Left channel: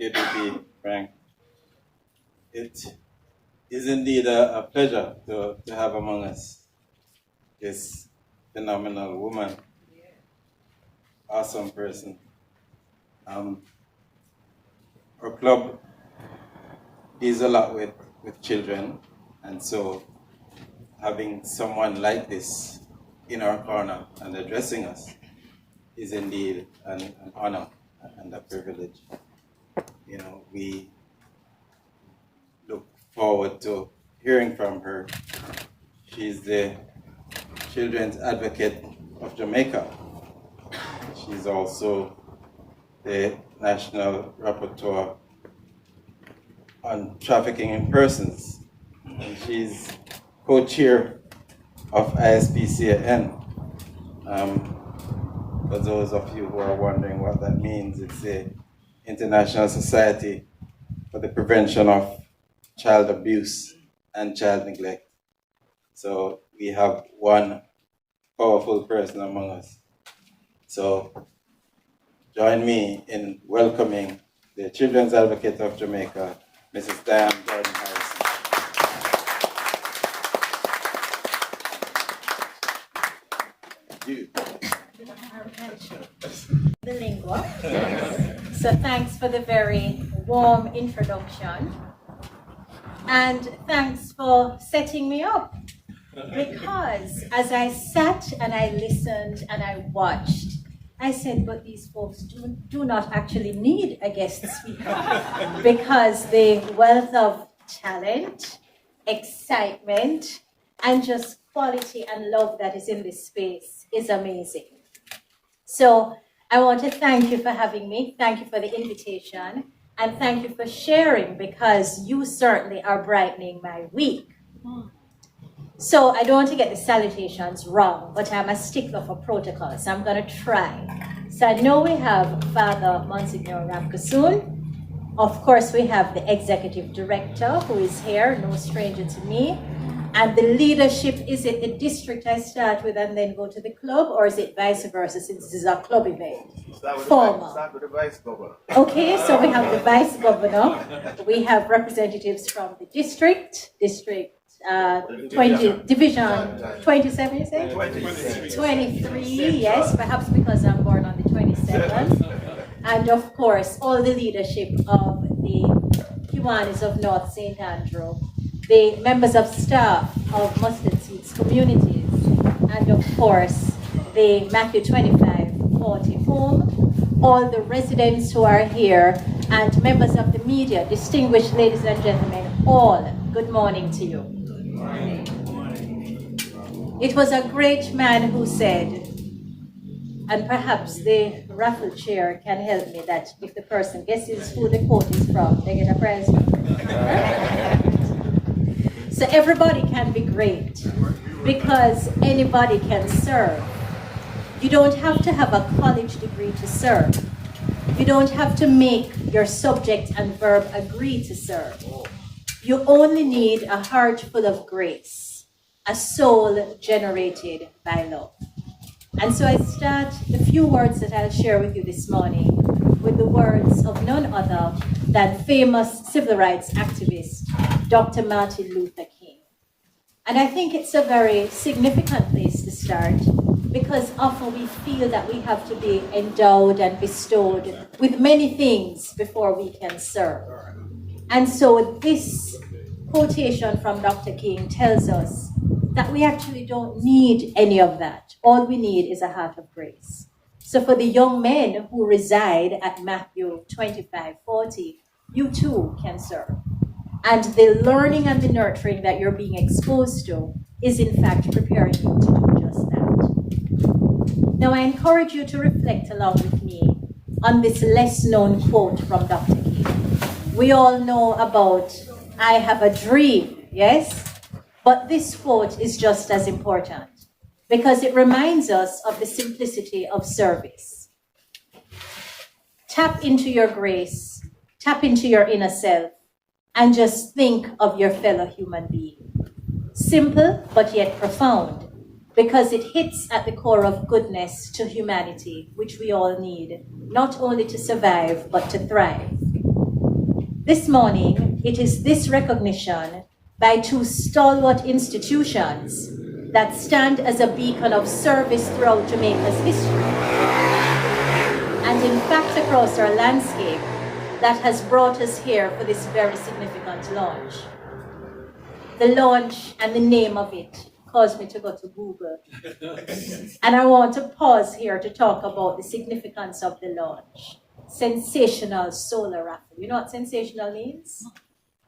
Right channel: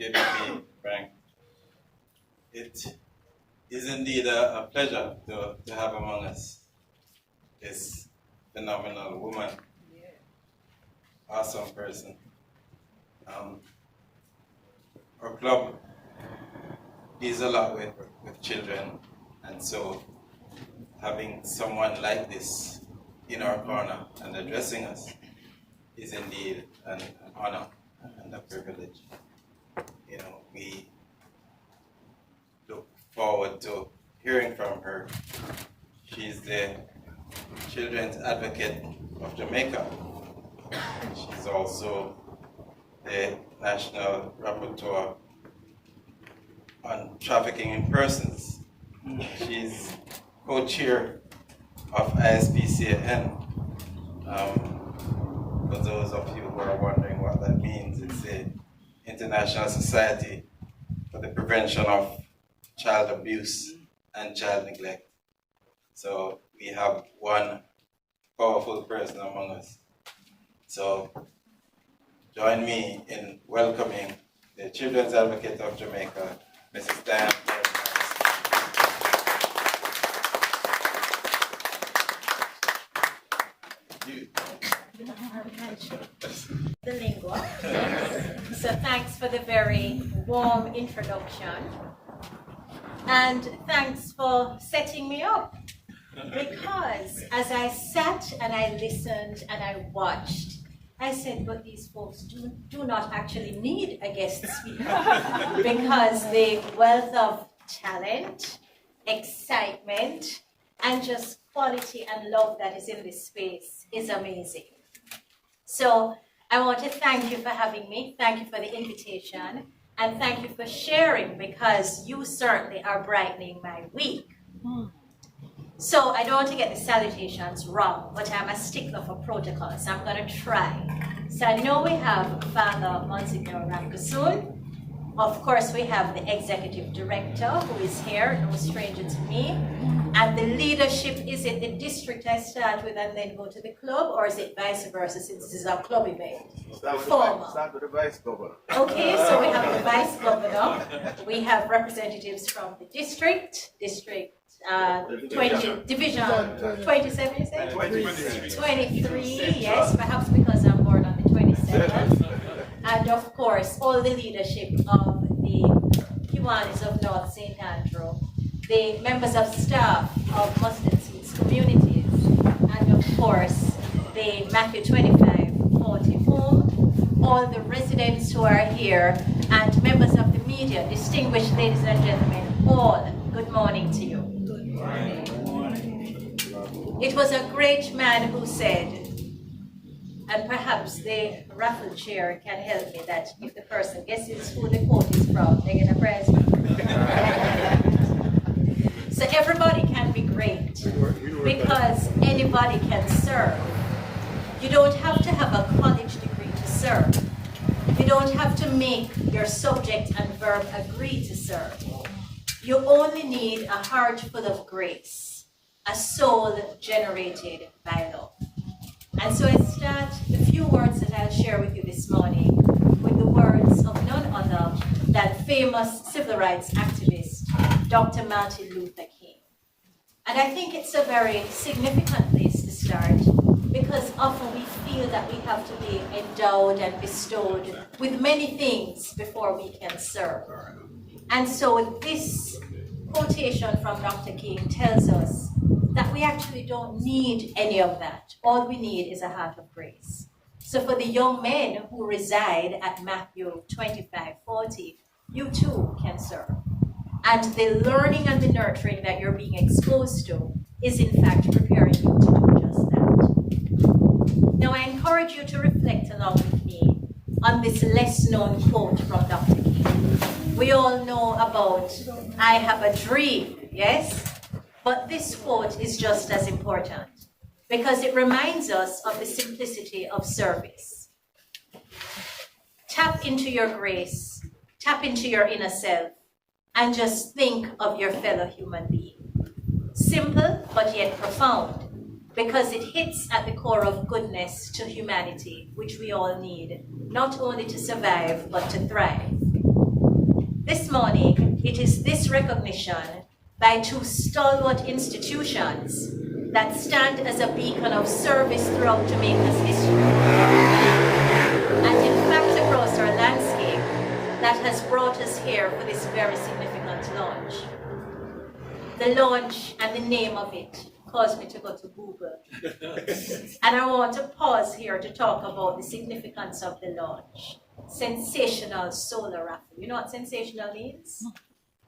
Thank you, Didi, Frank. It is indeed a pleasure to have among us this phenomenal woman, awesome person. Our club is a lot with children, and so having someone like this in our corner and addressing us is indeed an honor and a privilege. You know, we look forward to hearing from her. She's the Children's Advocate of Jamaica. She's also the National Rapporteur on Trafficking in Persons. She's co-chair of ISPCAN. For those of you who are wondering what that means, it's the International Society for the Prevention of Child Abuse and Child Neglect. So we have one powerful person among us. So join me in welcoming the Children's Advocate of Jamaica, Mrs. Diahann. The lingua. So thanks for the very warm introduction. And thanks for setting me up. Because as I sat and I listened and I watched, I said, but these folks do not actually need a guest speaker because the wealth of talent, excitement, and just quality and love that is in this space is amazing. So I want to thank you for having me. Thank you for the invitation. And thank you for sharing because you certainly are brightening my week. So I don't want to get the salutations wrong, but I'm a stickler for protocol, so I'm going to try. So I know we have Father Monsignor Ramkasoon. Of course, we have the Executive Director, who is here, no stranger to me. And the leadership, is it the district I start with and then go to the club, or is it vice versa, since this is a club event? Start with the Vice Governor. Okay, so we have the Vice Governor. We have representatives from the district 20, division 27, you said? 23, yes, perhaps because I'm born on the 27th. And of course, all the leadership of the Kiwanis of North St. Andrew, the members of staff of Mustard Seeds Communities, and of course, the Matthew 25-40 home, all the residents who are here, and members of the media, distinguished ladies and gentlemen, all, good morning to you. It was a great man who said, and perhaps the raffle chair can help me, that if the person guesses who the quote is from, they get a prize. So everybody can be great because anybody can serve. You don't have to have a college degree to serve. You don't have to make your subject and verb agree to serve. You only need a heart full of grace, a soul generated by love. And so I start the few words that I'll share with you this morning with the words of none other than famous civil rights activist, Dr. Martin Luther King. And I think it's a very significant place to start because often we feel that we have to be endowed and bestowed with many things before we can serve. And so this quotation from Dr. King tells us that we actually don't need any of that. All we need is a heart of grace. So for the young men who reside at Matthew 25-40, you too can serve. And the learning and the nurturing that you're being exposed to is in fact preparing you to do just that. Now I encourage you to reflect along with me on this less known quote from Dr. King. We all know about, I have a dream, yes? But this quote is just as important because it reminds us of the simplicity of service. Tap into your grace, tap into your inner self, and just think of your fellow human being. Simple, but yet profound, because it hits at the core of goodness to humanity, which we all need, not only to survive, but to thrive. This morning, it is this recognition by two stalwart institutions that stand as a beacon of service throughout Jamaica's history, and in fact across our landscape, that has brought us here for this very significant launch. The launch and the name of it caused me to go to Google. And I want to pause here to talk about the significance of the launch. Sensational solar raffle. You know what sensational means?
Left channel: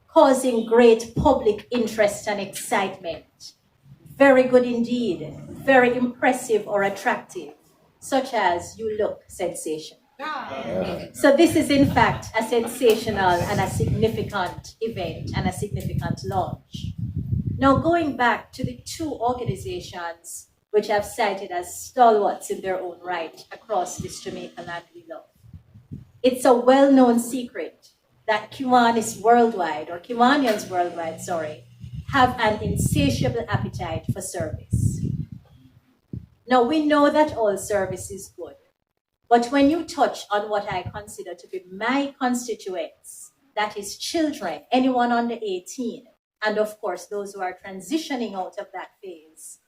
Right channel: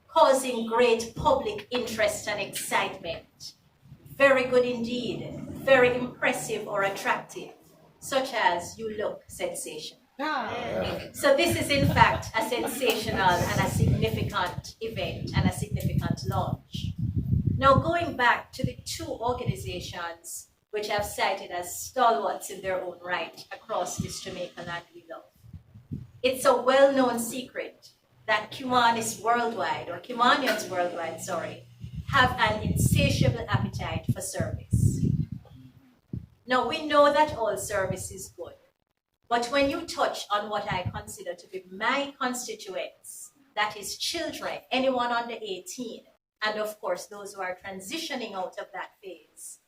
Causing great public interest and excitement. Very good indeed. Very impressive or attractive. Such as you look sensation. So this is in fact a sensational and a significant event and a significant launch. Now going back to the two organizations which I've cited as stalwarts in their own right across this Jamaica land we love. It's a well-known secret that Kiwanis worldwide, have an insatiable appetite for service. Now we know that all service is good. But when you touch on what I consider to be my constituents, that is children, anyone under 18, and of course those who are transitioning out of that phase,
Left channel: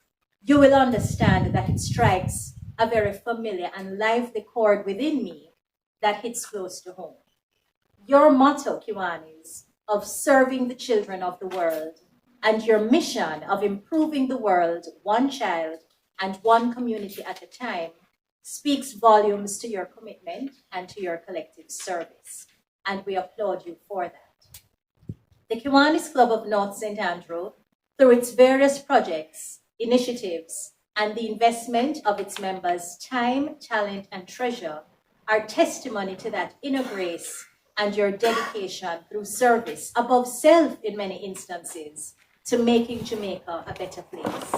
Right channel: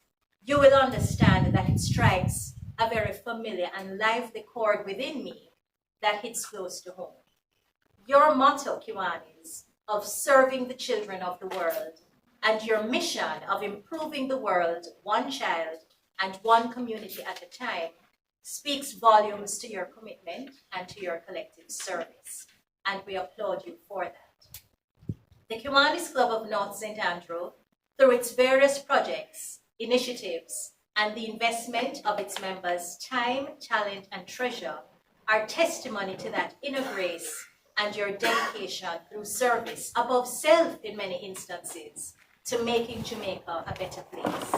you will understand that it strikes a very familiar and lively chord within me that hits close to home. Your motto, Kiwanis, of serving the children of the world, and your mission of improving the world one child and one community at a time, speaks volumes to your commitment and to your collective service, and we applaud you for that. The Kiwanis Club of North St. Andrew, through its various projects, initiatives, and the investment of its members' time, talent, and treasure, are testimony to that inner grace and your dedication through service, above self in many instances, to making Jamaica a better place.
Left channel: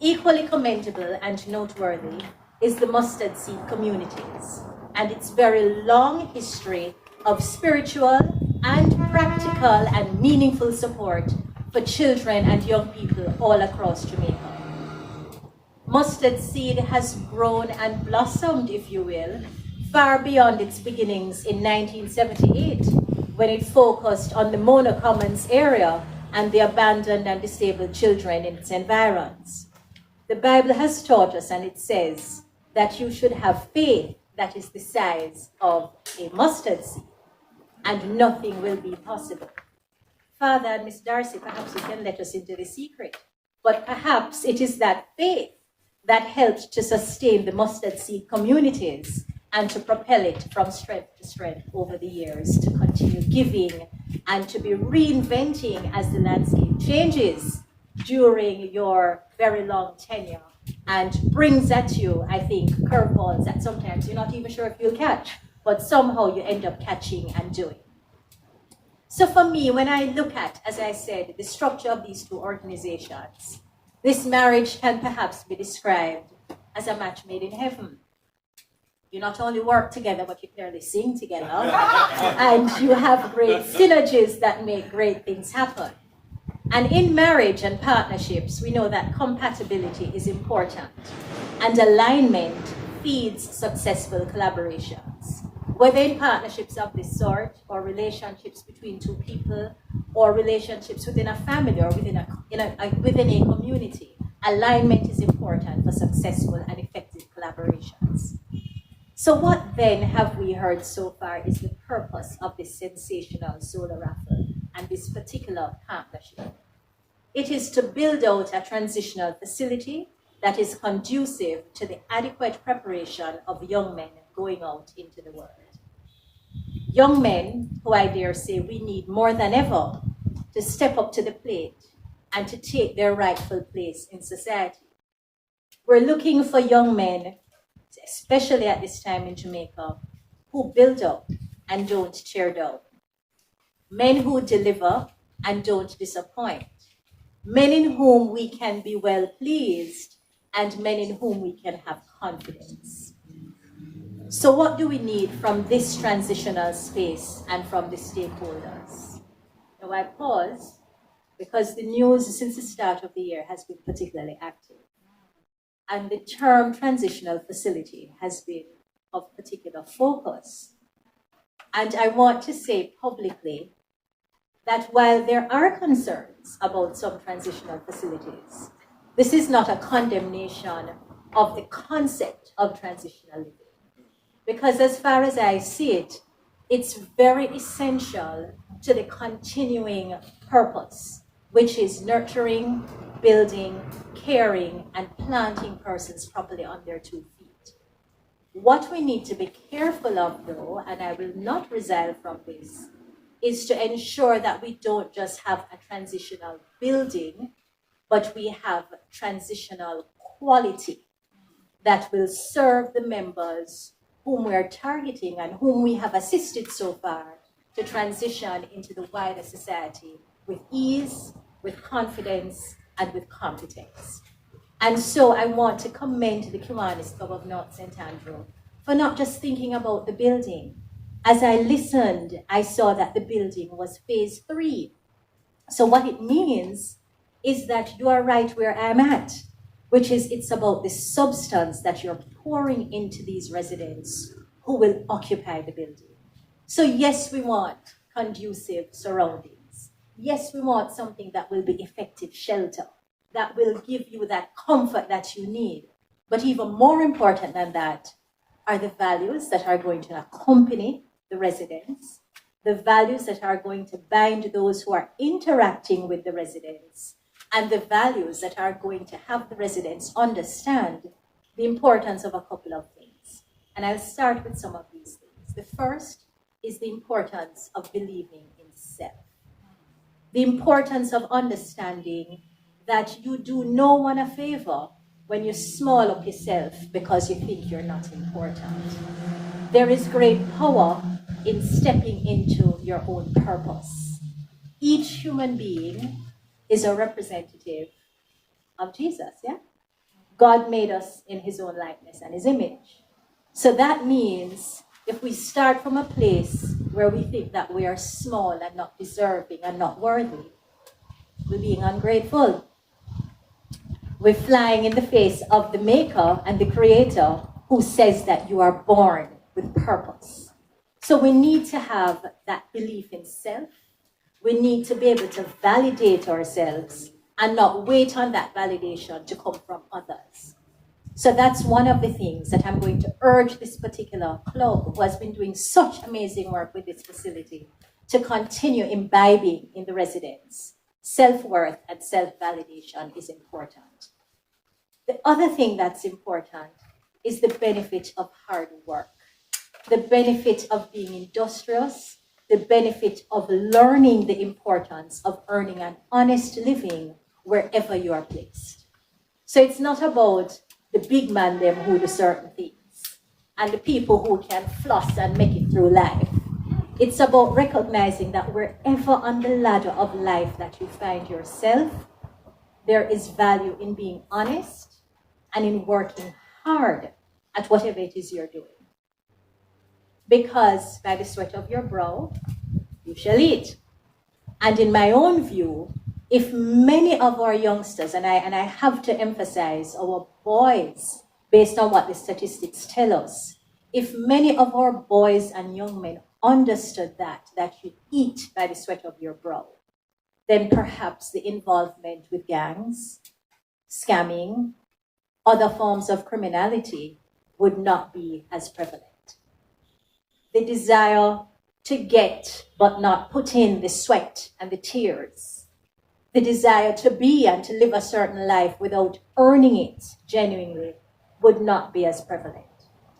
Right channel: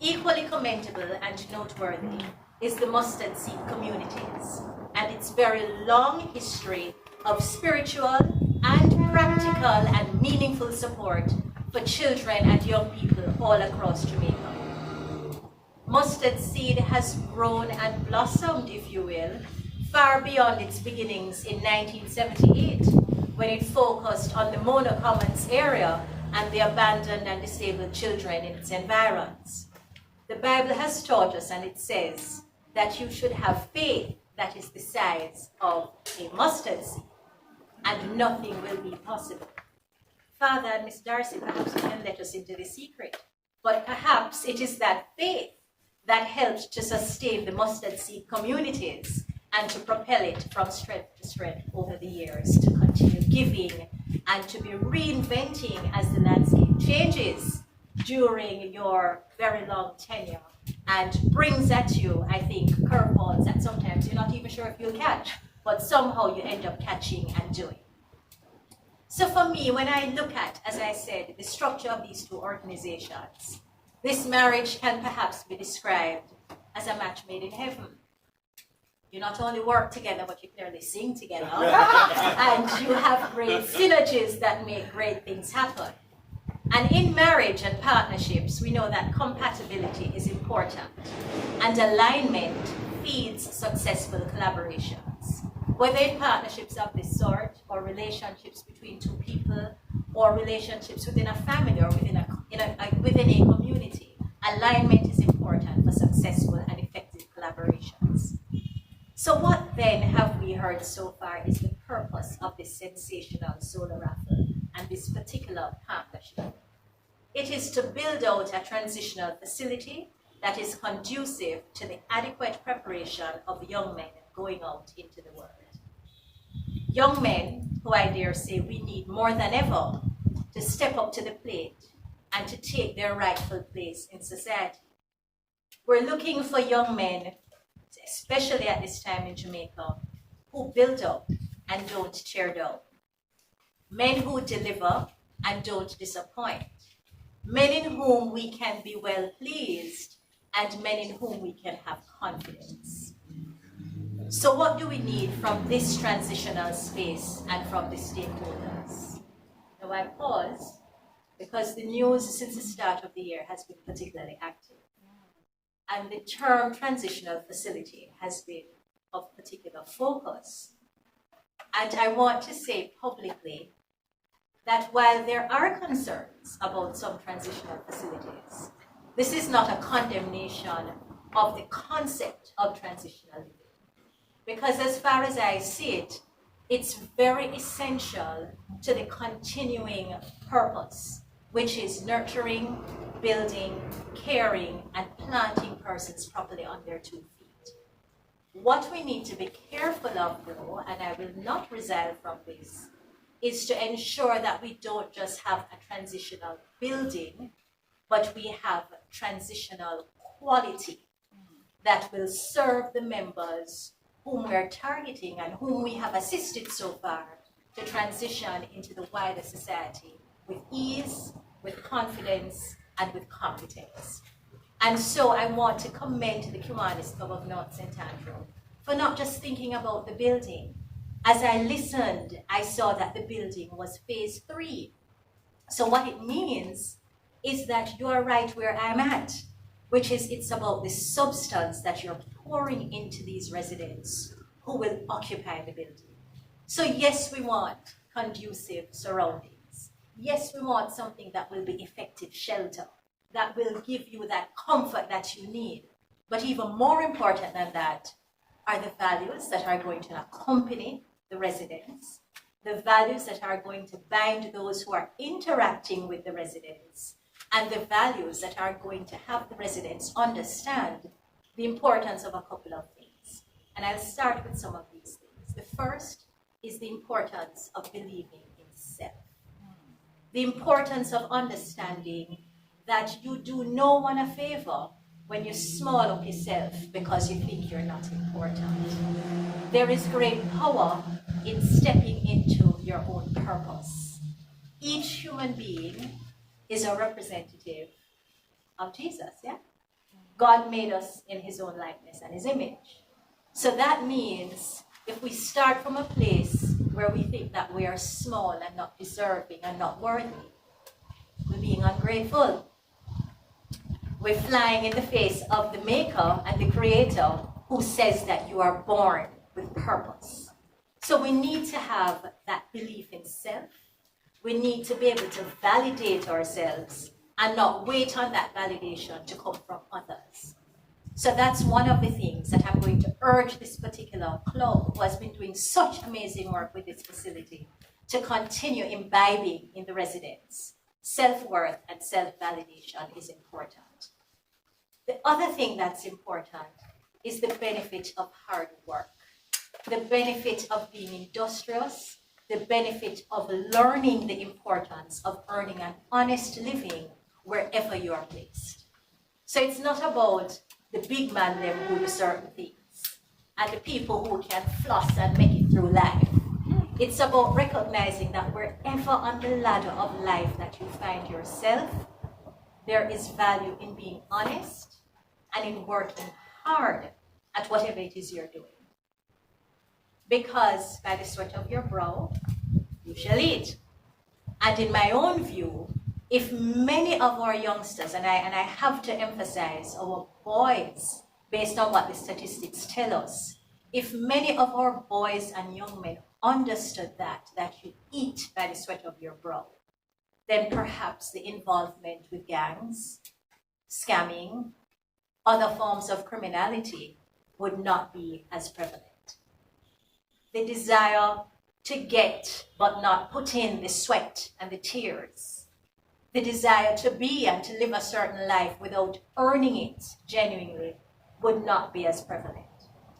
Equally commendable and noteworthy is the Mustard Seed Communities and its very long history of spiritual and practical and meaningful support for children and young people all across Jamaica. Mustard Seed has grown and blossomed, if you will, far beyond its beginnings in 1978, when it focused on the Mona Commons area and the abandoned and disabled children in its environs. The Bible has taught us, and it says, that you should have faith that is the size of a mustard seed, and nothing will be possible. Father and Miss Darcy, perhaps you can let us into the secret, but perhaps it is that faith that helped to sustain the mustard seed communities and to propel it from strength to strength over the years, to continue giving and to be reinventing as the landscape changes during your very long tenure, and brings at you, I think, curveballs that sometimes you're not even sure if you'll catch, but somehow you end up catching and doing. So for me, when I look at, as I said, the structure of these two organizations, this marriage can perhaps be described as a match made in heaven. You not only work together, but you clearly sing together, and you have great synergies that make great things happen. And in marriage and partnerships, we know that compatibility is important, and alignment feeds successful collaborations. Whether in partnerships of this sort, or relationships between two people, or relationships within a family, or within a community, alignment is important for successful and effective collaborations. So what then have we heard so far is the purpose of this sensational solar raffle and this particular partnership? It is to build out a transitional facility that is conducive to the adequate preparation of young men going out into the world. Young men who, I dare say, we need more than ever to step up to the plate and to take their rightful place in society. We're looking for young men, especially at this time in Jamaica, who build up and don't tear down. Men who deliver and don't disappoint. Men in whom we can be well pleased, and men in whom we can have confidence. So what do we need from this transitional space and from the stakeholders? Now I pause because the news since the start of the year has been particularly active. And the term transitional facility has been of particular focus. And I want to say publicly that while there are concerns about some transitional facilities, this is not a condemnation of the concept of transitional living. Because as far as I see it, it's very essential to the continuing purpose, which is nurturing, building, caring, and planting persons properly on their 2 feet. What we need to be careful of, though, and I will not resile from this, is to ensure that we don't just have a transitional building, but we have transitional quality that will serve the members whom we are targeting and whom we have assisted so far to transition into the wider society with ease, with confidence, and with competence. And so I want to commend the Kiwanis Club of North St. Andrew for not just thinking about the building. As I listened, I saw that the building was phase 3. So what it means is that you are right where I'm at, which is it's about the substance that you're pouring into these residents who will occupy the building. So yes, we want conducive surroundings. Yes, we want something that will be effective shelter, that will give you that comfort that you need. But even more important than that are the values that are going to accompany the residents, the values that are going to bind those who are interacting with the residents, and the values that are going to have the residents understand the importance of a couple of things. And I'll start with some of these things. The first is the importance of believing in self. The importance of understanding that you do no one a favor when you small up yourself because you think you're not important. There is great power in stepping into your own purpose. Each human being is a representative of Jesus, yeah? God made us in his own likeness and his image. So that means if we start from a place where we think that we are small and not deserving and not worthy, we're being ungrateful. We're flying in the face of the maker and the creator who says that you are born with purpose. So we need to have that belief in self. We need to be able to validate ourselves and not wait on that validation to come from others. So that's one of the things that I'm going to urge this particular club, who has been doing such amazing work with this facility, to continue imbibing in the residents. Self-worth and self-validation is important. The other thing that's important is the benefit of hard work, the benefit of being industrious, the benefit of learning the importance of earning an honest living wherever you are placed. So it's not about the big man them who do certain things and the people who can floss and make it through life. It's about recognizing that wherever on the ladder of life that you find yourself, there is value in being honest and in working hard at whatever it is you're doing. Because by the sweat of your brow, you shall eat. And in my own view, if many of our youngsters, and I have to emphasize our boys, based on what the statistics tell us, if many of our boys and young men understood that you eat by the sweat of your brow, then perhaps the involvement with gangs, scamming, other forms of criminality would not be as prevalent. The desire to get but not put in the sweat and the tears, the desire to be and to live a certain life without earning it genuinely would not be as prevalent.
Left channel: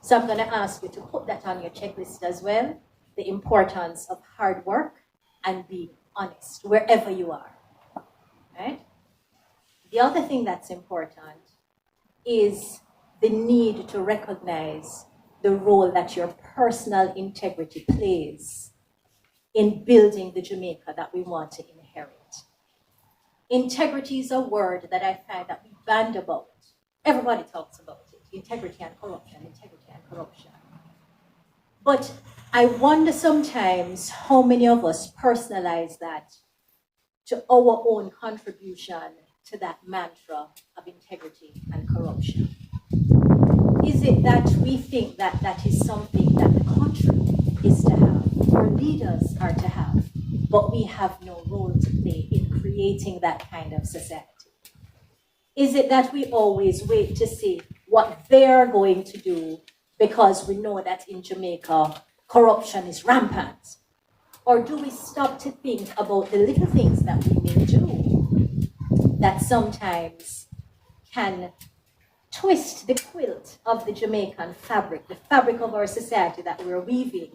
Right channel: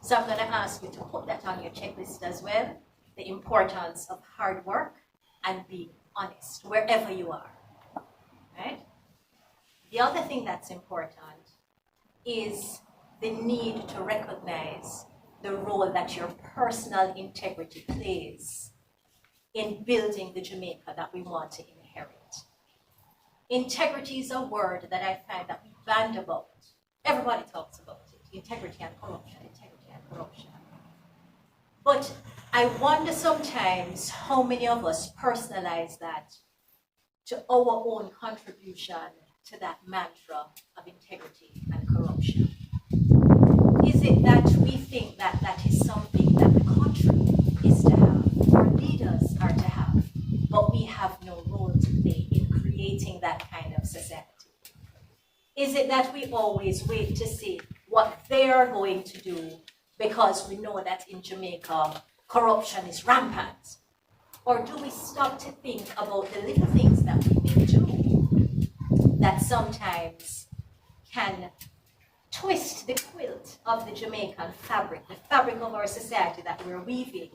So I'm going to ask you to put that on your checklist as well, the importance of hard work and being honest wherever you are, right? The other thing that's important is the need to recognize the role that your personal integrity plays in building the Jamaica that we want to inherit. Integrity is a word that I find that we band about. Everybody talks about it. Integrity and corruption, integrity and corruption. But I wonder sometimes how many of us personalize that to our own contribution to that mantra of integrity and corruption. Is it that we think that that is something that the country is to have? our leaders are to have, but we have no role to play in creating that kind of society? Is it that we always wait to see what they're going to do because we know that in Jamaica corruption is rampant? Or do we stop to think about the little things that we may do that sometimes can twist the quilt of the Jamaican fabric, the fabric of our society that we're weaving,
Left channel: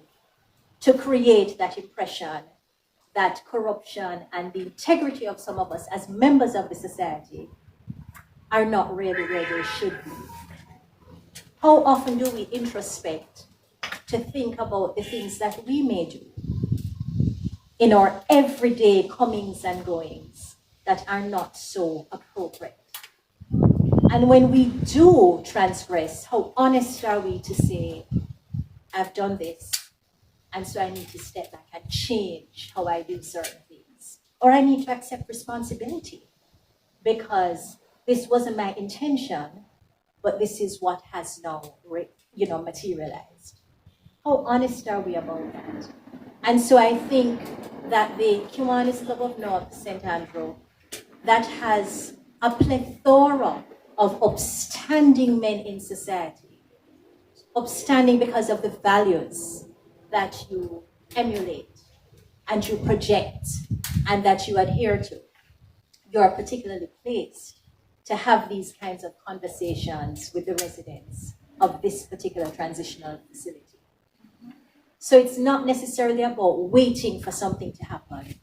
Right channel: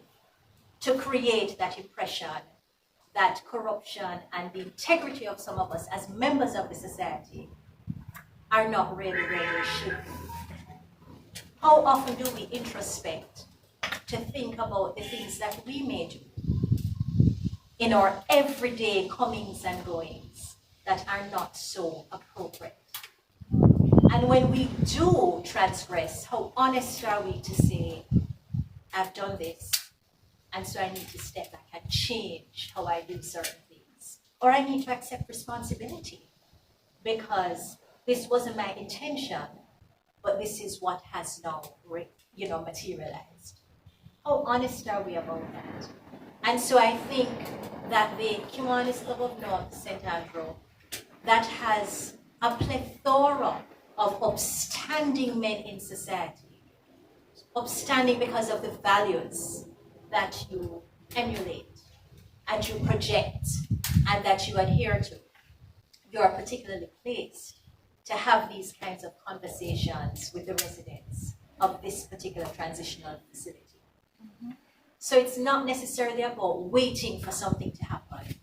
to create that impression that corruption and the integrity of some of us as members of the society are not really where they should be? How often do we introspect to think about the things that we may do in our everyday comings and goings that are not so appropriate? And when we do transgress, how honest are we to say, I've done this, and so I need to step back and change how I do certain things? Or I need to accept responsibility because this wasn't my intention, but this is what has now, materialized. How honest are we about that? And so I think that the Kiwanis Club of North St. Andrew, that has a plethora of upstanding men in society, upstanding because of the values that you emulate and you project and that you adhere to. You are particularly placed to have these kinds of conversations with the residents of this particular transitional facility. So it's not necessarily about waiting for something to happen.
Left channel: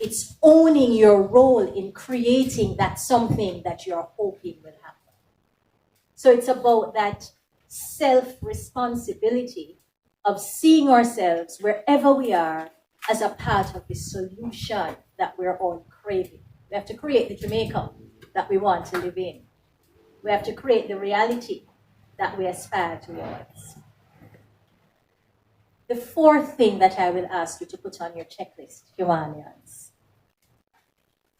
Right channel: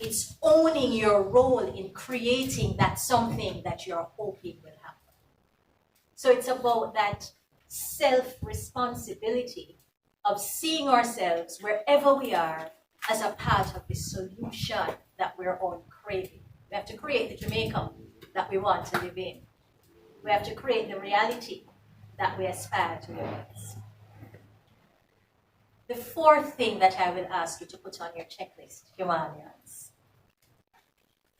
It's owning your role in creating that something that you're hoping will happen. So it's about that self-responsibility of seeing ourselves wherever we are as a part of the solution that we're all craving. We have to create the Jamaica that we want to live in. We have to create the reality that we aspire towards. The fourth thing that I will ask you to put on your checklist, Kiwanians,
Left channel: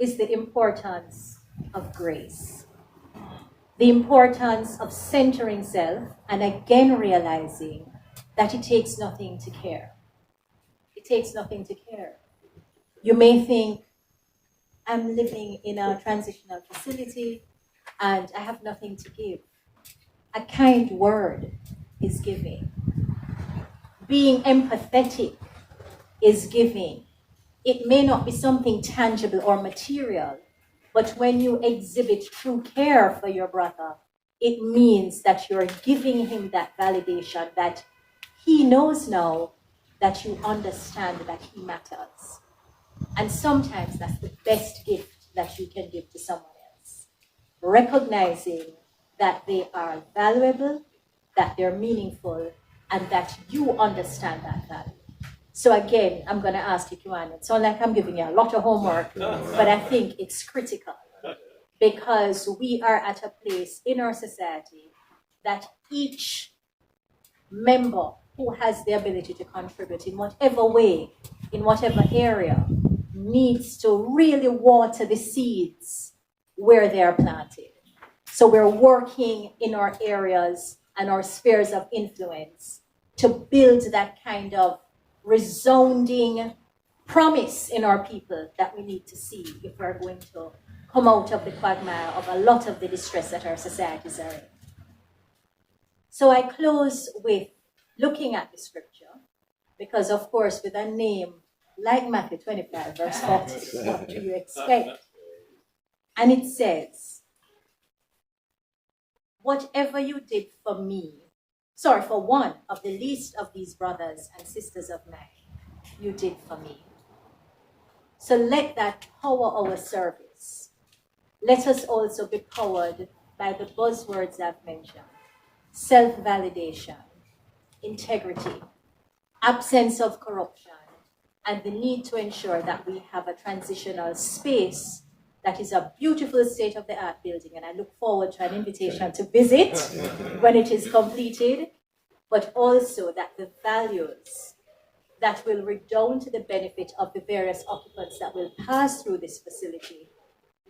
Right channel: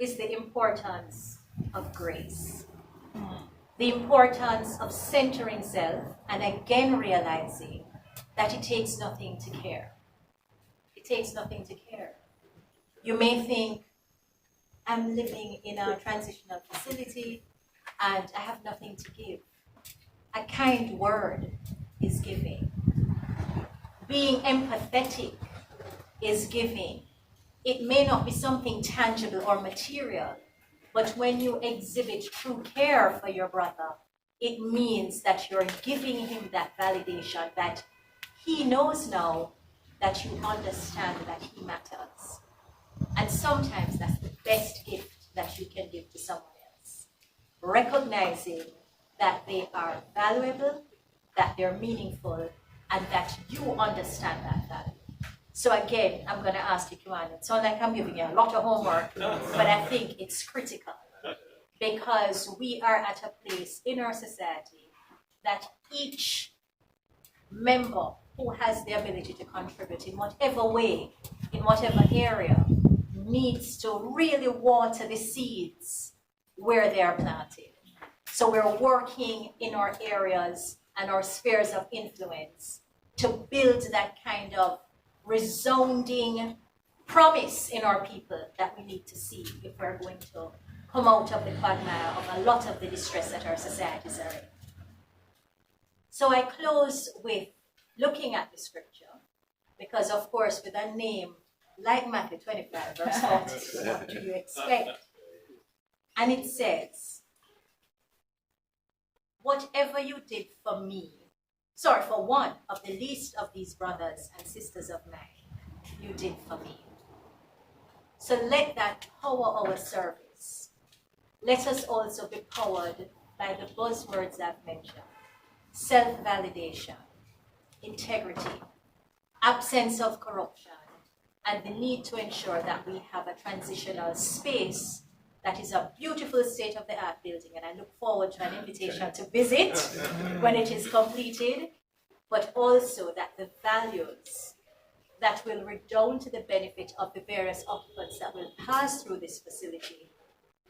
is the importance of grace. The importance of centering self and again realizing that it takes nothing to care. It takes nothing to care. You may think, I'm living in a transitional facility and I have nothing to give. A kind word is giving. Being empathetic is giving. It may not be something tangible or material, but when you exhibit true care for your brother, it means that you're giving him that validation that he knows now that you understand that he matters. And sometimes that's the best gift that you can give to someone else. Recognizing that they are valuable, that they're meaningful, and that you understand that value. So again, I'm going to ask you, Kiwan, it's not like I'm giving you a lot of homework, but I think it's critical because we are at a place in our society that each member who has the ability to contribute in whatever way, in whatever area, needs to really water the seeds where they are planted. So we're working in our areas and our spheres of influence to build that kind of resounding promise in our people that we need to see if we're going to come out of the quagmire of a lot of the distress that our societies are in. So I close with looking at the scripture, because of course with a name like Matthew 25 verse 40, what do you expect? And it says, whatever you did for one of the least of these brothers and sisters of mine, you did for me. So let that power our service. Let us also be powered by the buzzwords I've mentioned. Self-validation, integrity, absence of corruption, and the need to ensure that we have a transitional space that is a beautiful state-of-the-art building, and I look forward to an invitation to visit when it is completed, but also that the values that will redound to the benefit of the various occupants that will pass through this facility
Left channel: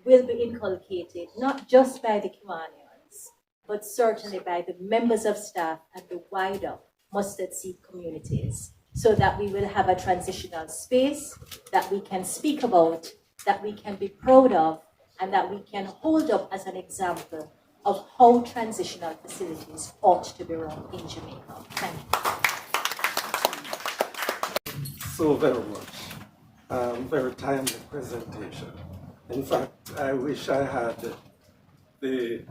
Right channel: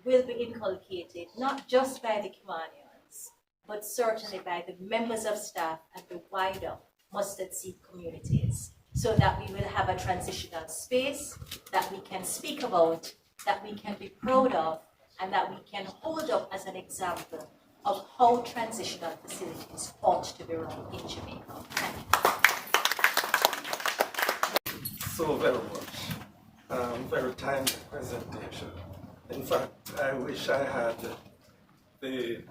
will be inculcated not just by the Kimanians, but certainly by the members of staff and the wider mustard seed communities so that we will have a transitional space that we can speak about, that we can be proud of, and that we can hold up as an example of how transitional facilities ought to be run in Jamaica. Thank you. So very much. Very timely presentation. In fact, I wish I had the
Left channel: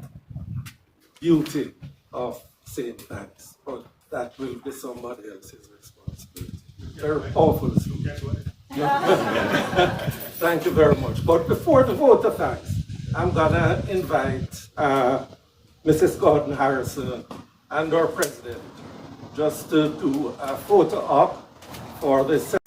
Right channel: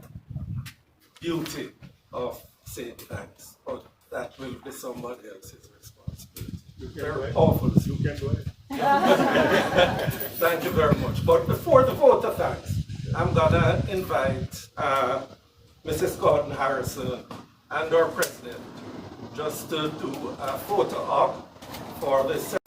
beauty of saying thanks, but that will be somebody else's responsibility. Very powerful. Thank you very much. But before the vote of thanks, I'm gonna invite Mrs. Gordon Harrison and our president just to do a photo op for this.